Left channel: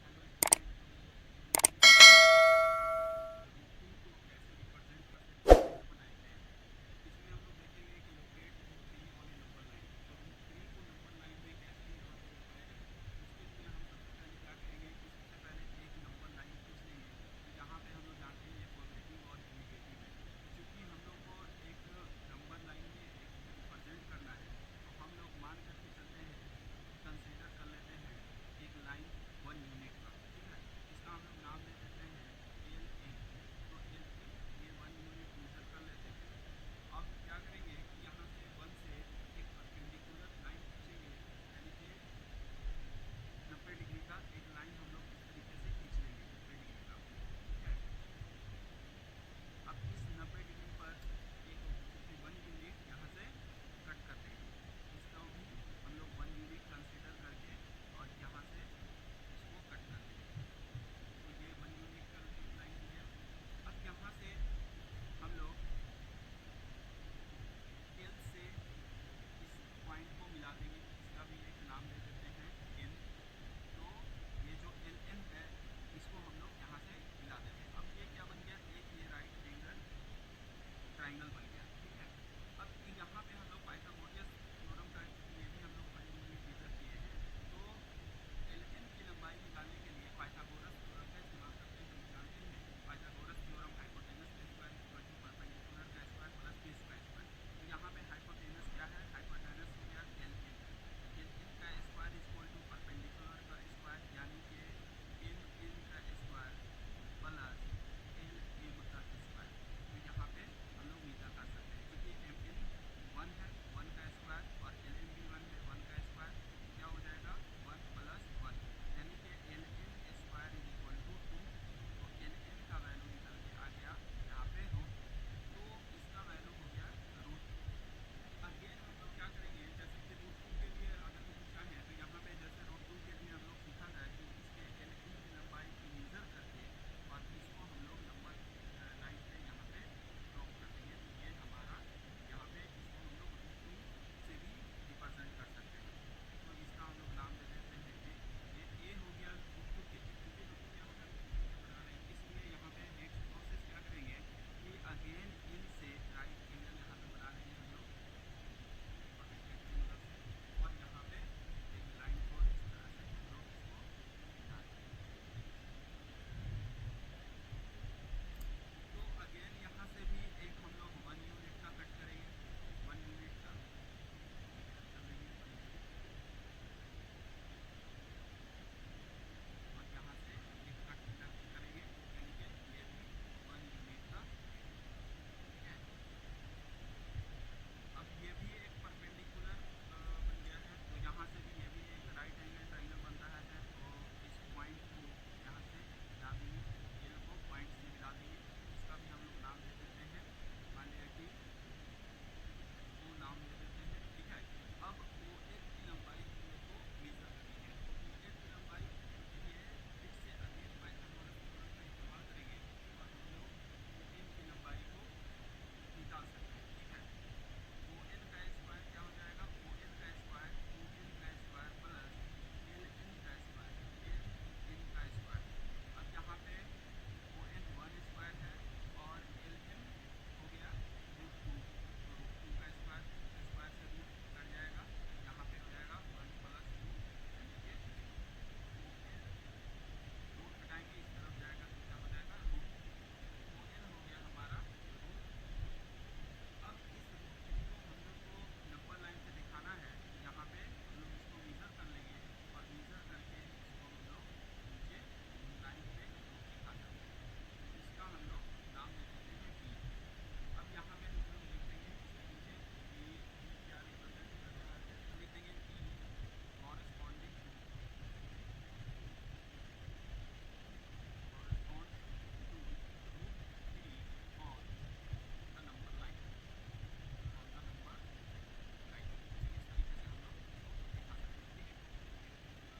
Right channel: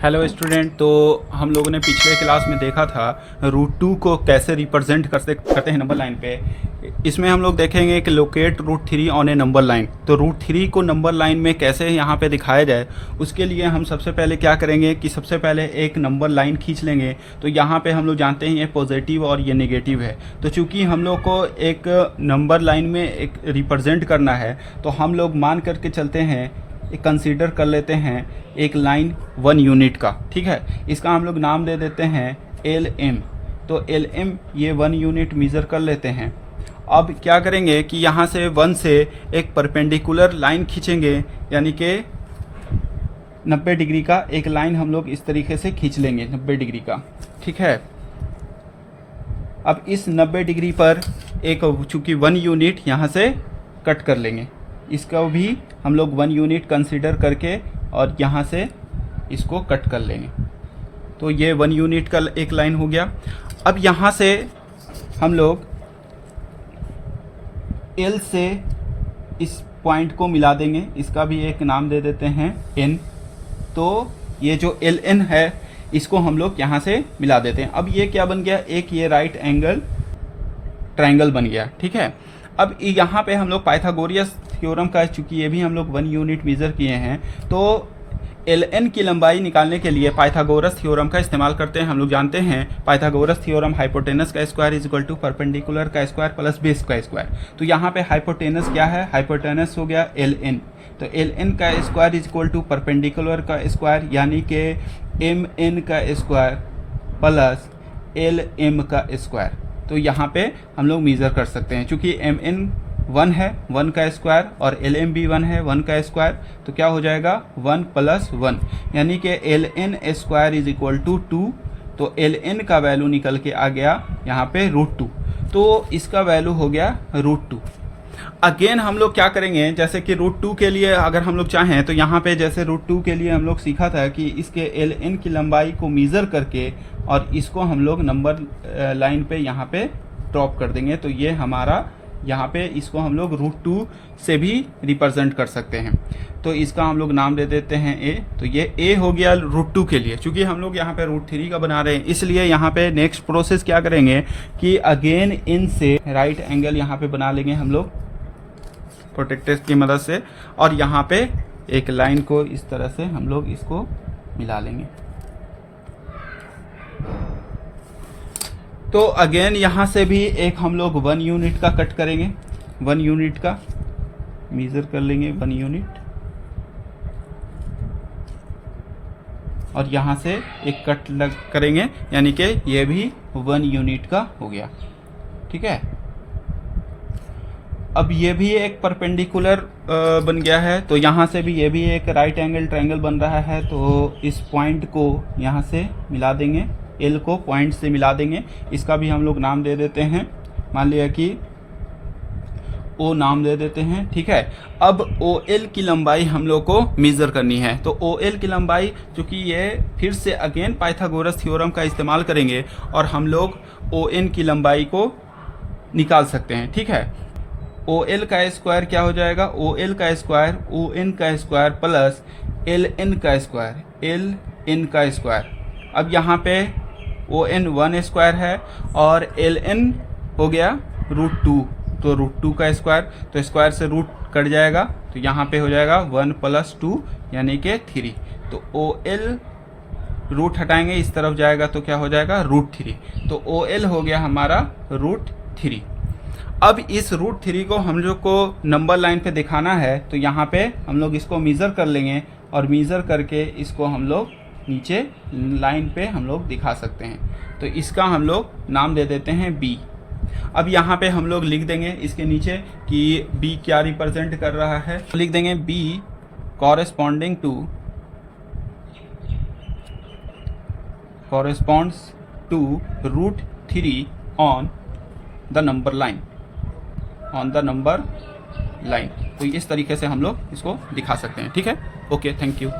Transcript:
Hello student. तो हम लोगों ने पिछले क्लास में देखा था रूट 2 को कैसे रिप्रेजेंट करते हैं नंबर लाइन पे। इसमें हम लोग देखेंगे कि locate root 3 on a number line. तो रूट 3 को नंबर लाइन में कैसे यहाँ पे दिखाया जाए, उसके लिए हम सबसे पहले क्या करेंगे कि सबसे पहले एक नंबर लाइन खींच लेंगे। तो यहाँ पे हम लोग जानते हैं ये पॉजिटिव और ये नेगेटिव है। तो चूँकि हम लोग को एक नंबर लाइन में एक रिप्रेजेंट करना है, तो हम लोग मान करके चलते हैं, कंसीडर कर लेते हैं एक लाइन 1 यूनिट का। ठीक है, इसका हम लोग नाम दे देते हैं LM। तो LM ये 1 यूनिट मेज़र कर लेते हैं। अब क्या करेंगे कि यहाँ से 1 से एक परपेंडिकुलर लाइन खींचेंगे, यानी कि 90 डिग्री का एक लाइन हम लोग इस तरीके से खींच लेंगे 90 डिग्री का। ठीक है, अब इस 90 डिग्री पर एक चूँकि 1 यूनिट यहाँ से कट कर लेंगे, इसका भी हम लोग 1 यूनिट कंसीडर करके और यहाँ से इसको कट कर लेंगे। तो ये 1 यूनिट का एक लाइन हो गया। अब यहाँ से हम लोग L से इस पॉइंट को मिला देंगे, इसका भी एक नाम दे देते हैं N। तो ये जो LN है इसको हम लोग यहाँ से मिला देते हैं। अब ये क्या बन गया, एक ये राइट एंगल ट्रायंगल बन गया। ठीक है, अब यहाँ पे हम लोग पाइथागोरस थ्योरम का, चूँकि ये भी हम लोग 1 यूनिट मेज़र किए हैं, तो LN की लंबाई निकालने के लिए पाइथागोरस थ्योरम का इस्तेमाल करते हैं। हम लोग जानते हैं पाइथागोरस थ्योरम हाइपोटेनस का square is equal to perpendicular का स्क्वायर प्लस बेस का स्क्वायर। तो यहाँ पे हाइपोटेनस क्या है, हाइपोटेनस हो गया LN। तो LN का square is equal to perpendicular का स्क्वायर, यानी कि MN का स्क्वायर प्लस LM का स्क्वायर। तो यहाँ पे हम लोग मेज़र कर सकते हैं, चूँकि MN 1 है 1 का स्क्वायर और LM भी 1 है 1 का स्क्वायर। तो क्या हो जाएगा 1 + 1, यानी कि LN square is equal to 2। तो LN का वैल्यू निकल के आ गया यहाँ पे √2। तो इसका वैल्यू हो गया √2। अगेन हम लोग क्या करेंगे, जैसे कि √2 के लिए अगर हम लोग चाहें तो यहाँ पे जैसे √2 के लिए हम लोग सीखा था कि इसके LN की लंबाई को मेज़र करके और इसको हम लोग नंबर लाइन पे यहाँ पे ड्रॉप कर देंगे। तो ये हमारा यहाँ पे इसको हम लोग √2 से भी रिप्रेजेंट कर सकते हैं। तो इसका हम लोग नाम दे देते हैं A। तो ये A हो गया √2 के लिए। चूँकि हम लोग यहाँ पे √3 का बना रहे हैं, इसलिए यहाँ पे नेक्स्ट प्रोसेस क्या करेंगे कि अगेन इन से राइट एंगल यहाँ पे बना लेंगे हम लोग प्रोटेक्टर की मदद से, और यहाँ पे एक लाइन को इस तरह से हम लोग इसको मिला लेंगे। तो अगेन यहाँ से भी एक हम लोग 1 यूनिट का कट करेंगे, 1 यूनिट का मेज़र कर लेंगे 1 यूनिट, और यहाँ से एक कट करेंगे, यानी कि ये भी 1 यूनिट का हो गया। ठीक है, अब ये भी एक परपेंडिकुलर बन गया है। तो यहाँ से भी ये भी एक राइट एंगल ट्रायंगल बन रहा है। तो इस पॉइंट को यहाँ से मिला देंगे, L को पॉइंट से मिला देंगे। इसका भी हम लोग नाम दे देते हैं, मान लिया कि O नाम दे देते हैं। ठीक है, अब OL की लंबाई हम लोग को मेज़र करनी है। तो OL की लंबाई, चूँकि ये फिर से अगेन पाइथागोरस थ्योरम का इस्तेमाल करेंगे और हम लोग ON की लंबाई को निकाल सकते हैं। ठीक है, OL का स्क्वायर क्या हो जाएगा, OL का स्क्वायर ON का स्क्वायर प्लस LN का स्क्वायर LN का स्क्वायर। अब यहाँ पे ON 1 स्क्वायर है और LN हो गया √2। तो √2 का स्क्वायर, तो स्क्वायर से रूट कट जाएगा, तो यहाँ पे हो जाएगा 1 + 2 यानी कि 3। तो OL रूट हटाएंगे इस तरफ जाएगा तो क्या हो जाएगा √3। तो OL हो गया हमारा √3। अब इस √3 को हम लोग को नंबर लाइन पे दिखाना है, तो यहाँ पे हम लोग इसको मेज़र कर लेंगे और मेज़र करके इसको हम लोग नीचे लाइन पे हम लोग दिखा सकते हैं। तो इसका हम लोग नाम दे देते हैं B। अब यहाँ पे हम लोग लिख देंगे इसके नीचे कि B क्या रिप्रेजेंट कर रहा है। तो लिख देंगे B corresponding to √3 on the number line. तो इस तरीके से हम लोग इसको दिखा सकते हैं। ठीक है, ओके, थैंक यू।